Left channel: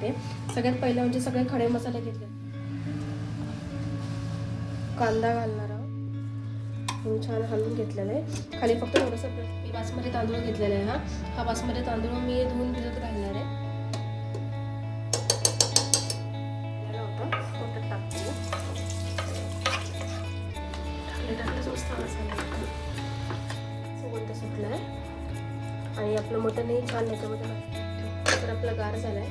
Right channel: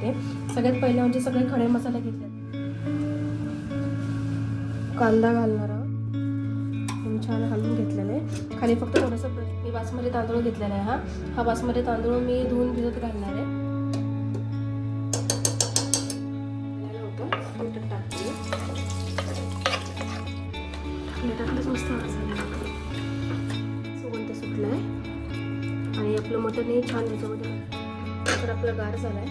सांगते. सगळ्यात पहिलं म्हणजे सगळे खडे मसाले घेतले. कांदा घालणार आहोत, छान हलवून घेतलेले. खाली फक्त थोडंसं मी बासमती तांदूळ घेतलेला आहे. हा बासमती तांदूळ मी धुवून भिजत घालणार आहे. आणि आपलं मटनही छान याच्यामध्ये आपलं गार झालंय.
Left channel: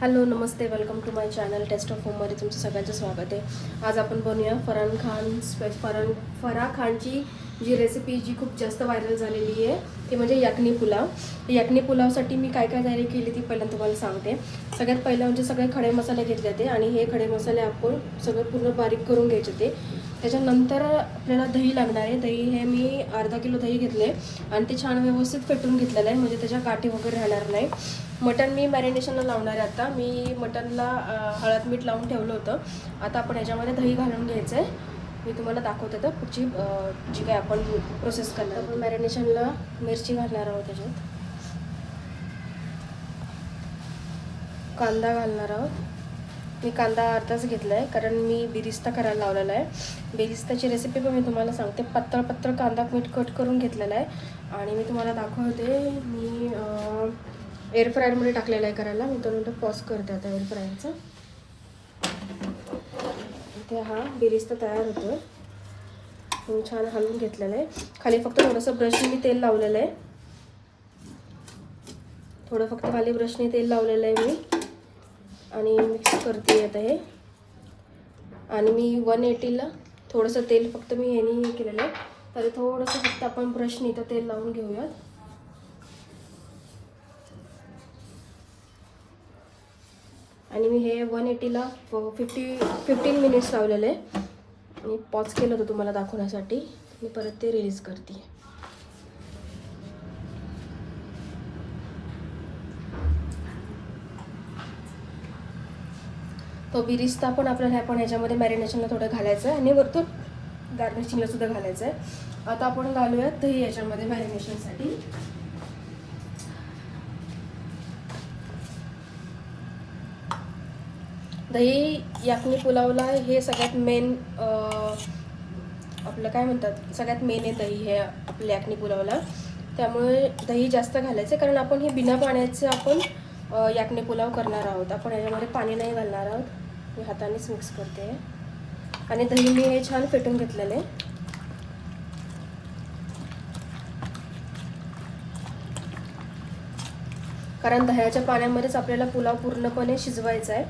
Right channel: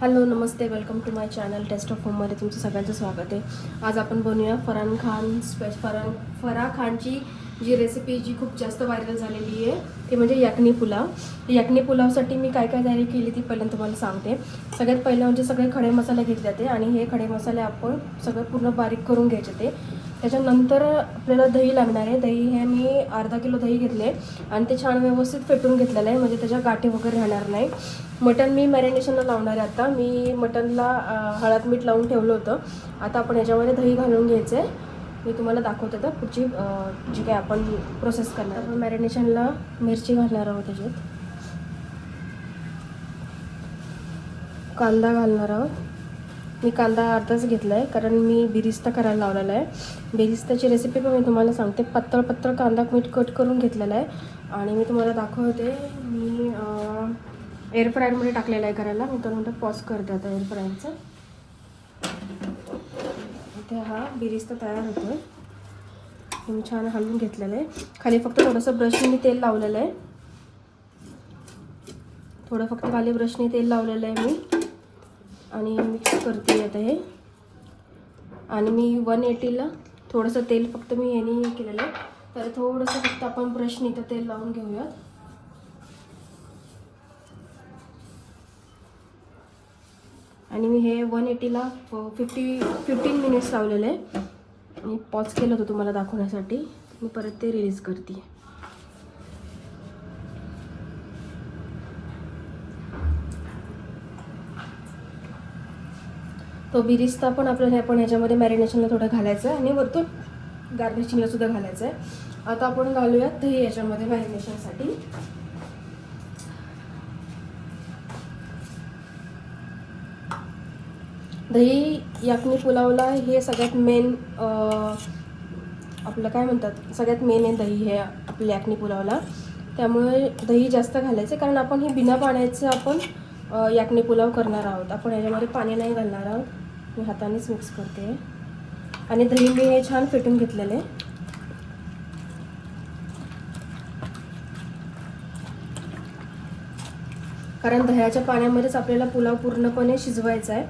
हॅलो नमस्ते, welcome to my channel taste of होममध्ये तुमचं सगळ्यांचं स्वागत आहे. आज आपण बनवूया फराह खानची जी रेसिपी जी खूप जास्त व्हायरल झालेली आहे ती म्हणजे यखनी पुलाव. यखनी पुलावसाठी मी काय काय तयारी केली ती पहिल्यांदा तुम्हाला सांगते. सगळ्यात पहिलं म्हणजे सगळे खडे मसाले घेतले जाते आणि हे खडे मसाले आपण सगळं पूर्ण बारीक करून घ्यायचे ते. त्याच्यानंतर आपल्याला दही लागणार आहे. दही हे मी अर्धा किलो दही घेतले आणि ते छान व्यवस्थित फेटून घेतलेलं आहे, म्हणजे त्याच्या गाठी वगैरे राहणार नाही. मटण मी मॅरिनेशनला लावणार आहे. आता मी मटणला हळद मीठ लावून ठेवलं होतं. आता आपण याच्यामध्ये दही घालून घ्यायचं आहे. मी तुम्हाला दाखवते तर पुढची जी काय आपण प्रोसेस करणार. मॅरिनेशनला मिरची घालणार आहोत, त्याच्यात कांदा घालणार आहोत. मी कांदा अर्धाच घेतला आहे कारण मी बिरिस्ता करायला लावलेला आहे. बिरिस्ताची रेसिपी पण मी तुम्हाला सांगते. पातळ पातळ कांदा मीठ कट करून घेतलेला आहे आणि मी तुम्हाला दाखवते. मी एअर फ्रायरमध्ये टाकलेला आहे करायला. मी तर पॉज करते आता एअर फ्रायरचं. इथे हा बिरिस्ता तयार होतोय. मी छान हलवून घेतलेलं आहे. खाली फक्त थोडंसं ब्रशने मी तेल लावलेलं आहे. थोडं फक्त खाली ब्रशने तेल लावलेलं आहे मी आणि मिक्स करते आता हे. आणि मी 180ला थोडंसं तेल फक्त मी याने केलेलं आहे. तर थोडंसं फक्त आपण ब्रशने इथं तेल लावून घेऊयात. आणि मी हे 180ला 15 मिनिट्स लावलेले आहे. मी पॉज केलं होतं तुम्हाला दाखवण्यासाठी. मी परत ते रिलीज करते. तो बिरिस्ता पण आपण याच्यामध्ये मॅरिनेशनला थोडं घालायचं आहे आणि वरतून गार्निशिंगला सुद्धा घालायचं आहे. आता आपण घालूयात दही याच्यामध्ये मॅरिनेशनसाठी. दही यखनी पुलावला हे सगळ्यात मेन आपलं काय म्हणतात, सगळ्यात मेन आहे दही हे आपल्या यखनी पुलावला. त्यामुळे दही जास्त घालायचं कारण आपण हे बिना पाण्याचं आपण यखनी पुलाव करणार आहोत. आपण याच्यामध्ये पाणी नाही घालणार आहोत. मी हातानेच मिक्स करते आणि दही मी हे छान फेटून घेतलेले. कारण दह्याच्या पाण्यामध्येच आपल्याला पुलाव पूर्णपणे शिजवायचा आहे.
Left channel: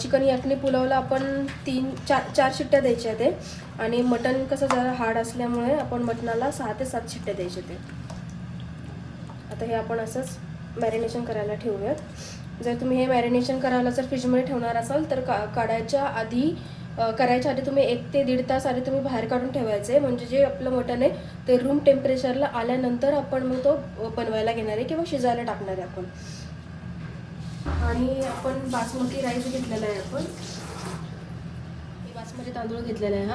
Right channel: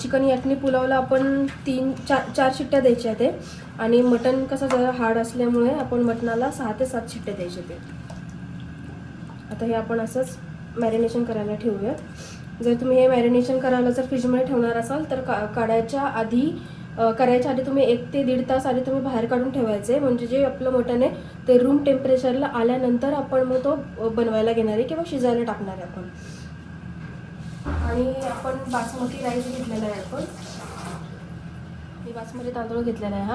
चिकन यखनी पुलावला आपण 3-4 शिट्ट्या द्यायच्या ते आणि मटण कसं जरा हार्ड असल्यामुळे आपण मटणाला 6 ते 7 शिट्ट्या द्यायच्या ते. आता हे आपण असंच मॅरिनेशन करायला ठेवूयात. जर तुम्ही हे मॅरिनेशन करायला जर फ्रीजमध्ये ठेवणार असाल तर करायच्या आधी तुम्ही 1 ते 1.5 तास आधी तुम्ही बाहेर काढून ठेवायचे, म्हणजे जे आपलं मटण आहे ते रूम टेम्परेचरला आल्यानंतर आपण मग तो बनवायला घेणार आहे किंवा शिजायला टाकणार आहे आपण. आणि आपण बासमती राईस घेतलेला आहे. आपण बासमती तांदूळ घेतलेला आहे.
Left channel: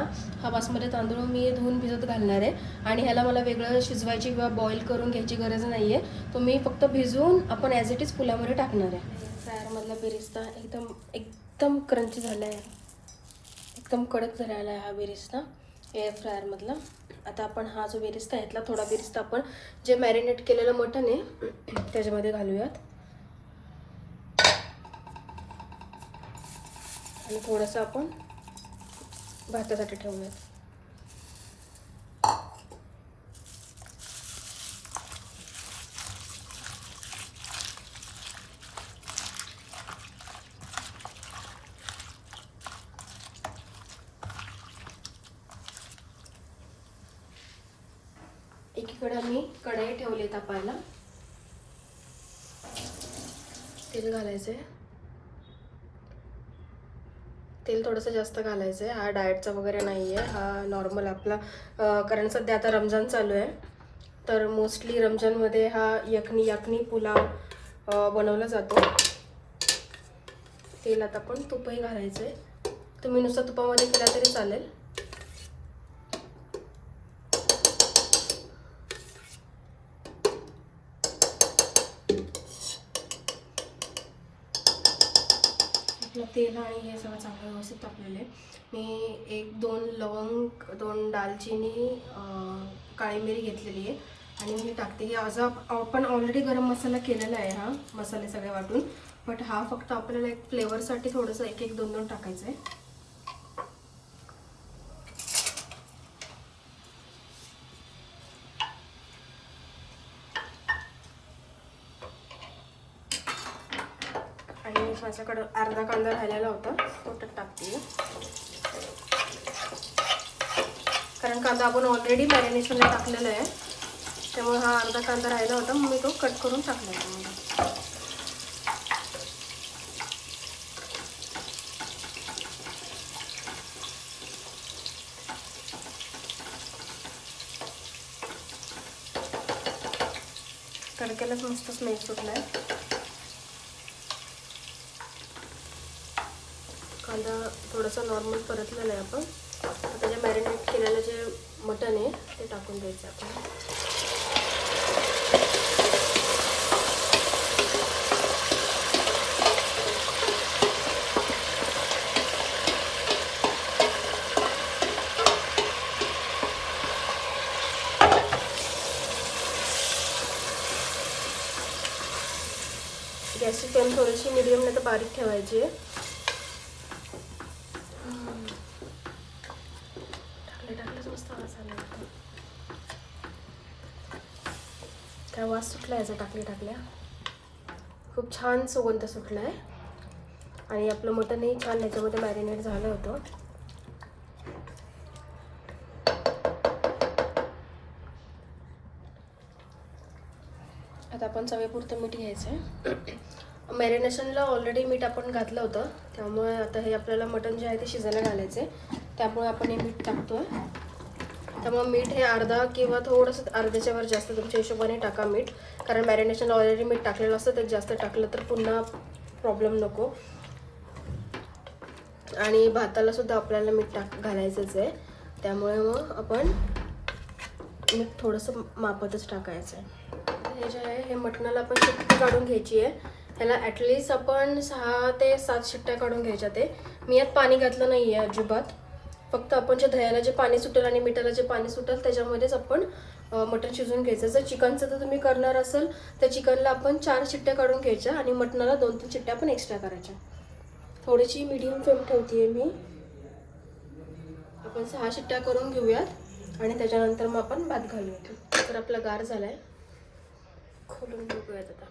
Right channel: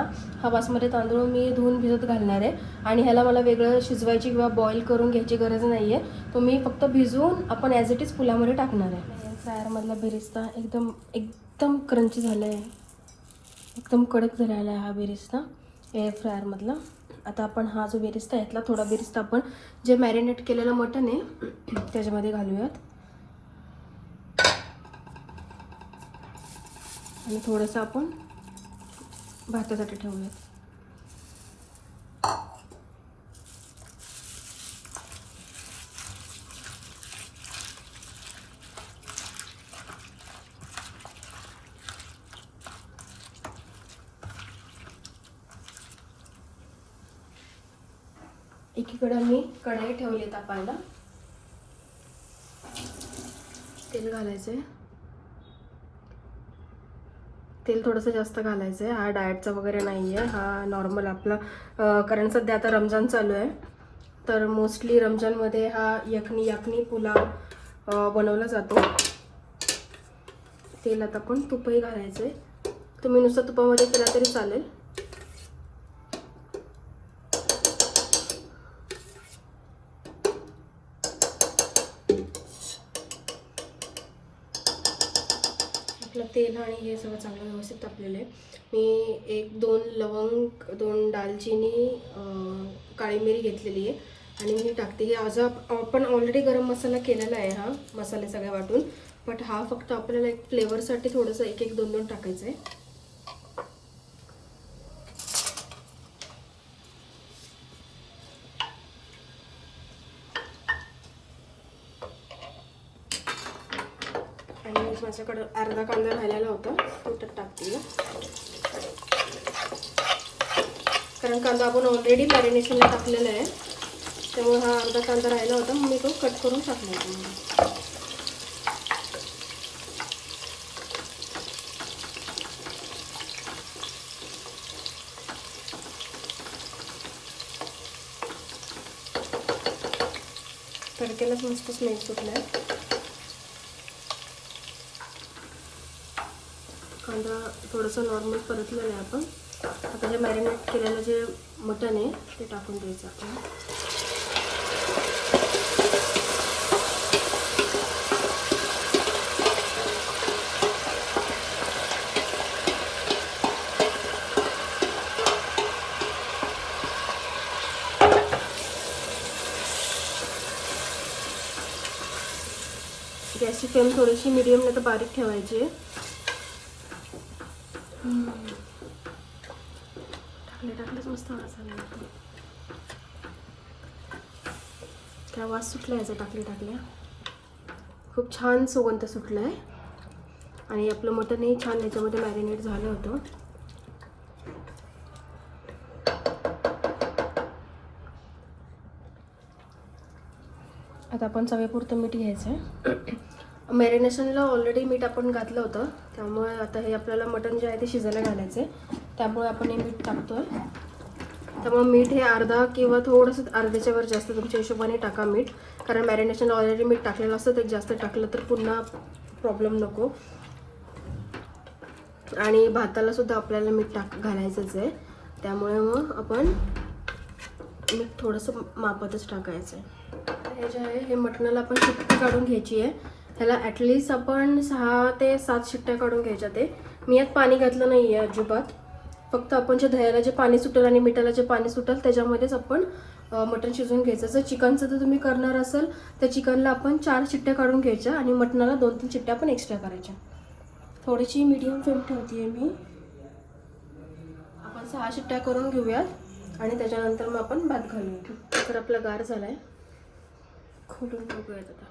हा बासमती तांदूळ मी धुवून भिजत घालणार आहे आणि ह्याला मला वेगळं शिजवायची किंवा बॉईल करून घ्यायची गरज नाही आहे. तो मी फक्त भिजवून आपण ॲज इट इज पुलावमध्ये टाकणार आहे. फ्रायरमधला बिरिस्ता एकदम क्रंची झाला आहे, एकदम कडक झालेला आहे हा बिरिस्ता एअर फ्रायरमधला. आता आपण हा जो बिरिस्ता आहे, थोडा बिरिस्ता आपण जे मॅरिनेट केलेलं मटण आहे त्याच्यामध्ये घालूयात आणि थोडंसं आपण भातासाठी ठेवूयात. एकीकडे मी कढई ठेवली तापायला. तेल घालायचंय. तेल थोडंसं जास्त घालायचं आहे. हा डाएटचा वगैरे नाही आहे, हा नॉर्मल आपला. कारण सध्या आता रमजान चालू आहे तर मोस्टली रमजानमध्ये हा यखनी पुलाव बनवला जातो. तेलात आपण तुपही घालायचं आहे. तुम्ही नुसतं तुपामध्ये केला तरी चालेल. आपलं तेल आणि हे सगळं चांगलं व्यवस्थित तापलेलं आहे. मी 1-2 लवंग, 2 दालचिनी, काळी मिरी घेतलेली आहे आणि मी टाकते. ही आज आपण ऑलरेडी गरम मसाला केलेला आहे, हा मसाले सगळे वाटून. बट हा फक्त आपल्याला एक फ्लेवरसाठी थोडंसं 1-1, 2-2 टाकायचं आहे. आणि माझ्याकडं अर्धा कांदा राहिलेला होता, तो तर टाकते. कारण कांदा आपण ऑलरेडी मॅरिनेशनला टाकलेला आहे, त्यामुळे हा अर्धा कांदा राहिला होता, मग मी तो कट करून टाकला. तडक्यालाच मस्त स्मेल सुटला आहे. कांदा थोडासा नॉर्मल परतलेला आहे. आपण आता जे मॅरिनेट केलेलं जे मटण आहे ते टाकून द्यायचं आपण. गॅसची फ्लेम थोडीशी मिडियम नाही तर बारीक ठेवायची आहे. टाकलेच मस्त मसाला. काय वास सुटला याचा टाकल्या खूप छान सुगंध सुटला आहे. आणि आपलं मटणही छान याच्यामध्ये मॅरिनेट झालं होतं. आता आपण चवीपुरतं मीठ घ्यायचं. मॅरिनेशनला ऑलरेडी मीठ आपण घातलं होतं, त्यामुळे आता हे आपल्याला मटण जे आहे ते शिजायला घालायचे. त्यामुळे आपण हे मीठ टाकतोय. त्यामुळे मीठ हे अर्धा किंवा थोडंसं अर्ध्याच्या वर जास्त तुमच्या हिशोबाने टाका मीठ. कारण मॅरिनेशनला ऑलरेडी मीठ टाकलेलं असतं, ते जास्त टाकलं तर पुन्हा प्रॉब्लेम नको. आणि भाताला सुद्धा आपल्याला मीठ घालायचंच आहे, त्यामुळे मग आपण थोडंसं मापातच टाकायचं आहे. हे जे आहे हे मटणाला आपण शिट्टी काढून घ्यायची आहे. ह्याला ॲटलिस्ट आपण 6 ते 7 शिट्ट्या काढून घ्यायच्या. ते मी यात पाणी घातलं नाही आहे अजिबात. फक्त आपण जे दह्याला जे पाणी सुटेल आणि मिठाला जे पाणी सुटेल त्याच्यामध्येच आपण मटण शिजवून घ्यायचं. जर चिकनचं तर तुम्ही करणार असाल तर चिकनला आपण 4 शिट्ट्या काढून घ्यायच्या आणि मटणाला 2-3 शिट्ट्या आपण एक्स्ट्रा करायच्या. थोडीशी मीडियम फ्लेम ठेवते मी. आपण 6 शिट्ट्या करून घेऊयात आणि त्याच्यानंतर मग आपण भात घालूया. तर आपला गार झालाय, खोलून बघूयात आता.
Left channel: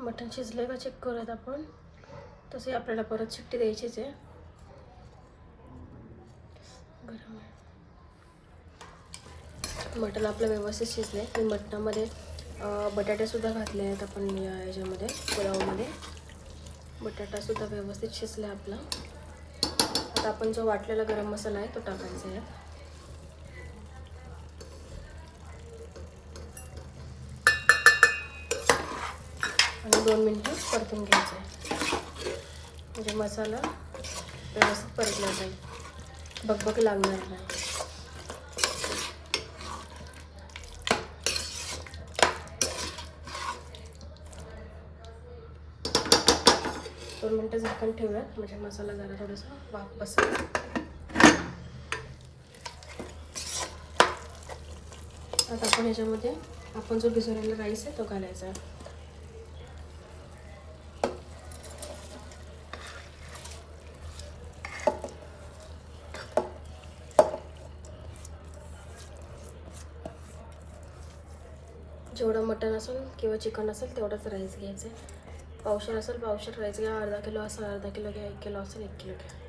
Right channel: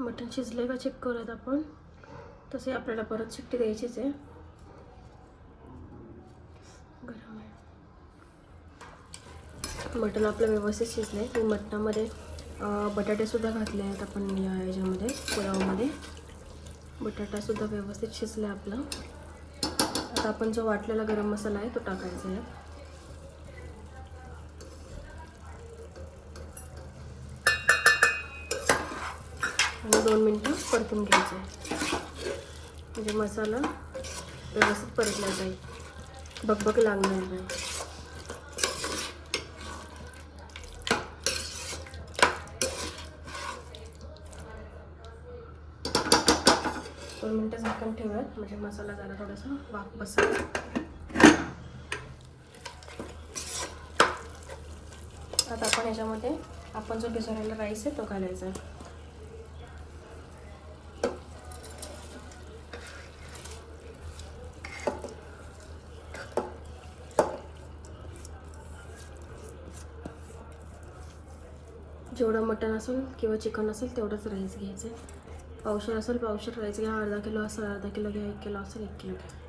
मटण शिजलंय का चेक करूयात आपण. तसे आपल्याला परत शिट्टी द्यायचीच आहे. मटण आपलं व्यवस्थित शिजलंय. मटणामध्ये बटाटे सुद्धा घातले आहेत आपण याच्यामध्ये पुलावमध्ये. बटाटा सुद्धा व्यवस्थित शिजला आपला. आता आपण जो वाटलेला गरम मसाला आहे तो टाकायचा आहे. आणि 2 मिनिटं परतून घ्यायचं आहे. म्हणजे मसाला व्यवस्थित परतला जाईल, बकबक लागणार नाही. दोन मिनिटं झाकण ठेवूयात म्हणजे मसाला जरा थोडासा वाफ बसेल. आता आपण याच्यामध्ये आपण जो भिजवलेला राईस आहे तो घालायचा आहे. जेवढं मटण असेल किंवा चिकन असेल तेवढंच राईस घ्यायचं आहे. पावशेर असेल पावशेर राईस घ्या, अर्धा किलो असेल अर्धा किलो घ्या, 1 किलो असेल 1 किलो घ्या.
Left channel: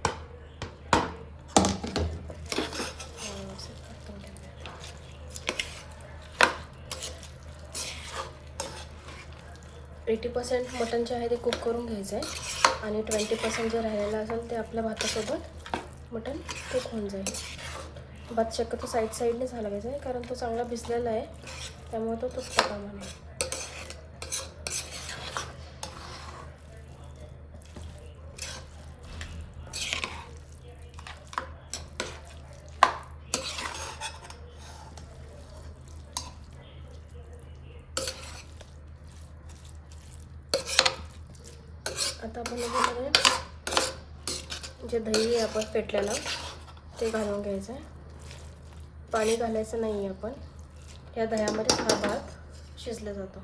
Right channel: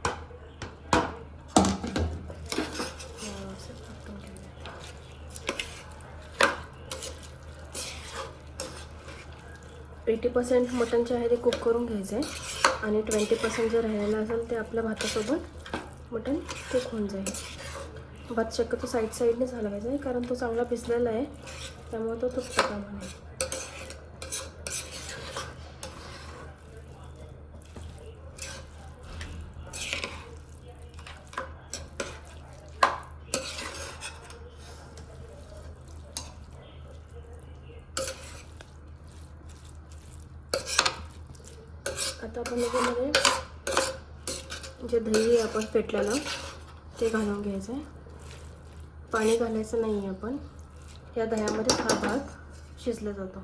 80% मटण जे आहे ते कुक करून घ्यायचं आहे. आणि 20% जर राहिलेलं असेल ते आपल्या भातासोबत मटण कुक होऊन जाईल. भात शक्यतो साईडने झाला पाहिजे कारण तो चांगला भिजलेला आहे, त्यामुळे तो तुटतो त्यामुळे. आता आपण याच्यामध्ये जे दही आहे आपण फेटलेलं ते घालून घ्यायचं आहे. पाणी घालायचं नाही आहे, आपण या दह्यामध्ये हा भात शिजला जातो.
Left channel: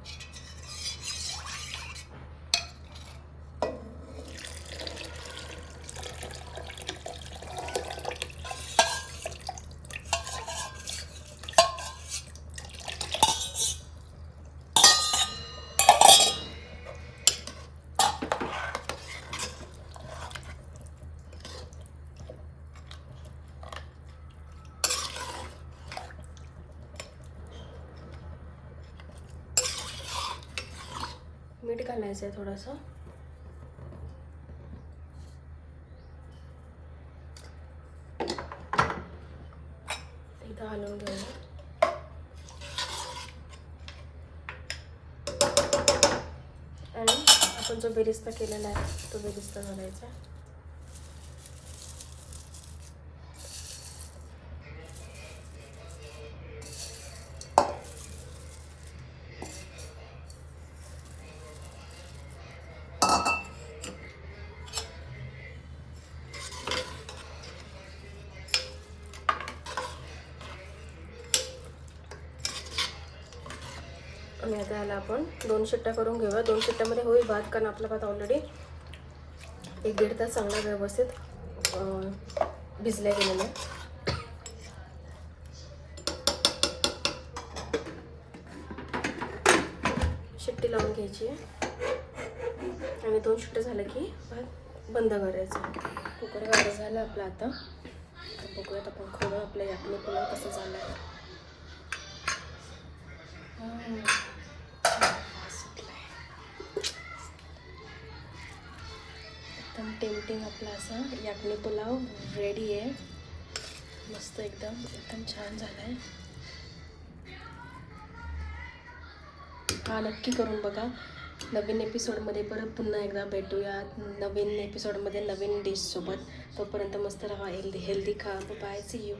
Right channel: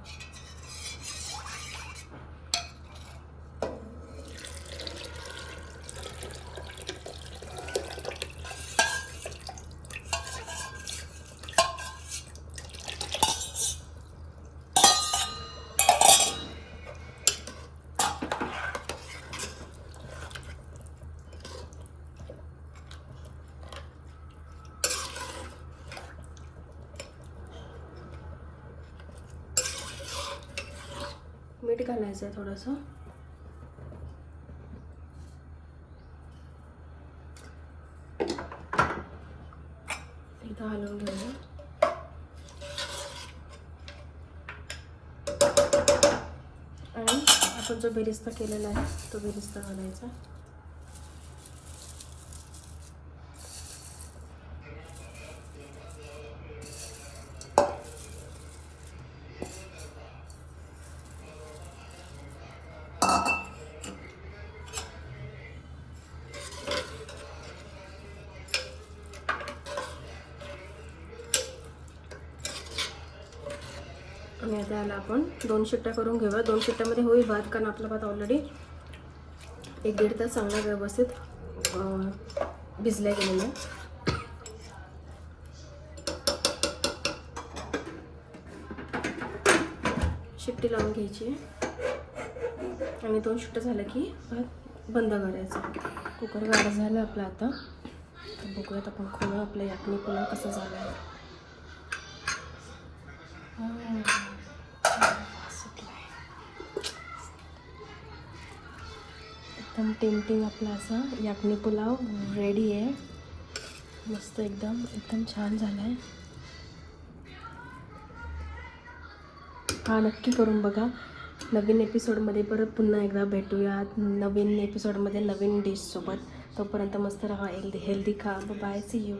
मीठ घालायचं आहे थोडंसं. इथं हलवून घ्यायचं आणि आपण जो बेरिस्ता केलेला आहे तो बेरिस्ता घालायचा. याला आपण 2 शिट्ट्या करून घेऊया. 2 शिट्ट्यामध्ये होईल भात, कारण आपला भात ऑलरेडी 1-1.5 तास चांगला व्यवस्थित भिजल्या गेलेला आहे. शिट्टी लावून घ्यायची आणि 2 शिट्ट्या झाल्या की भात बंद करायचा. कुकर गार झालं आपलं. आता बघूयात आपण खाऊया आपल्या यातनी पुलाव कसा झाला आहे. एकदम टेम्पटिंग आपला असा याकनी पुलाव रेडी आहे. मस्त एकदम छान झाला आहे. हा नक्की करून बघा. नवीन एपिसोडमध्ये परत पुन्हा एकदा भेटूया नवीन एपिसोडमध्ये नवीन डिशसोबत. तोपर्यंत मस्त राहा, हेल्दी खा. Bye, see you.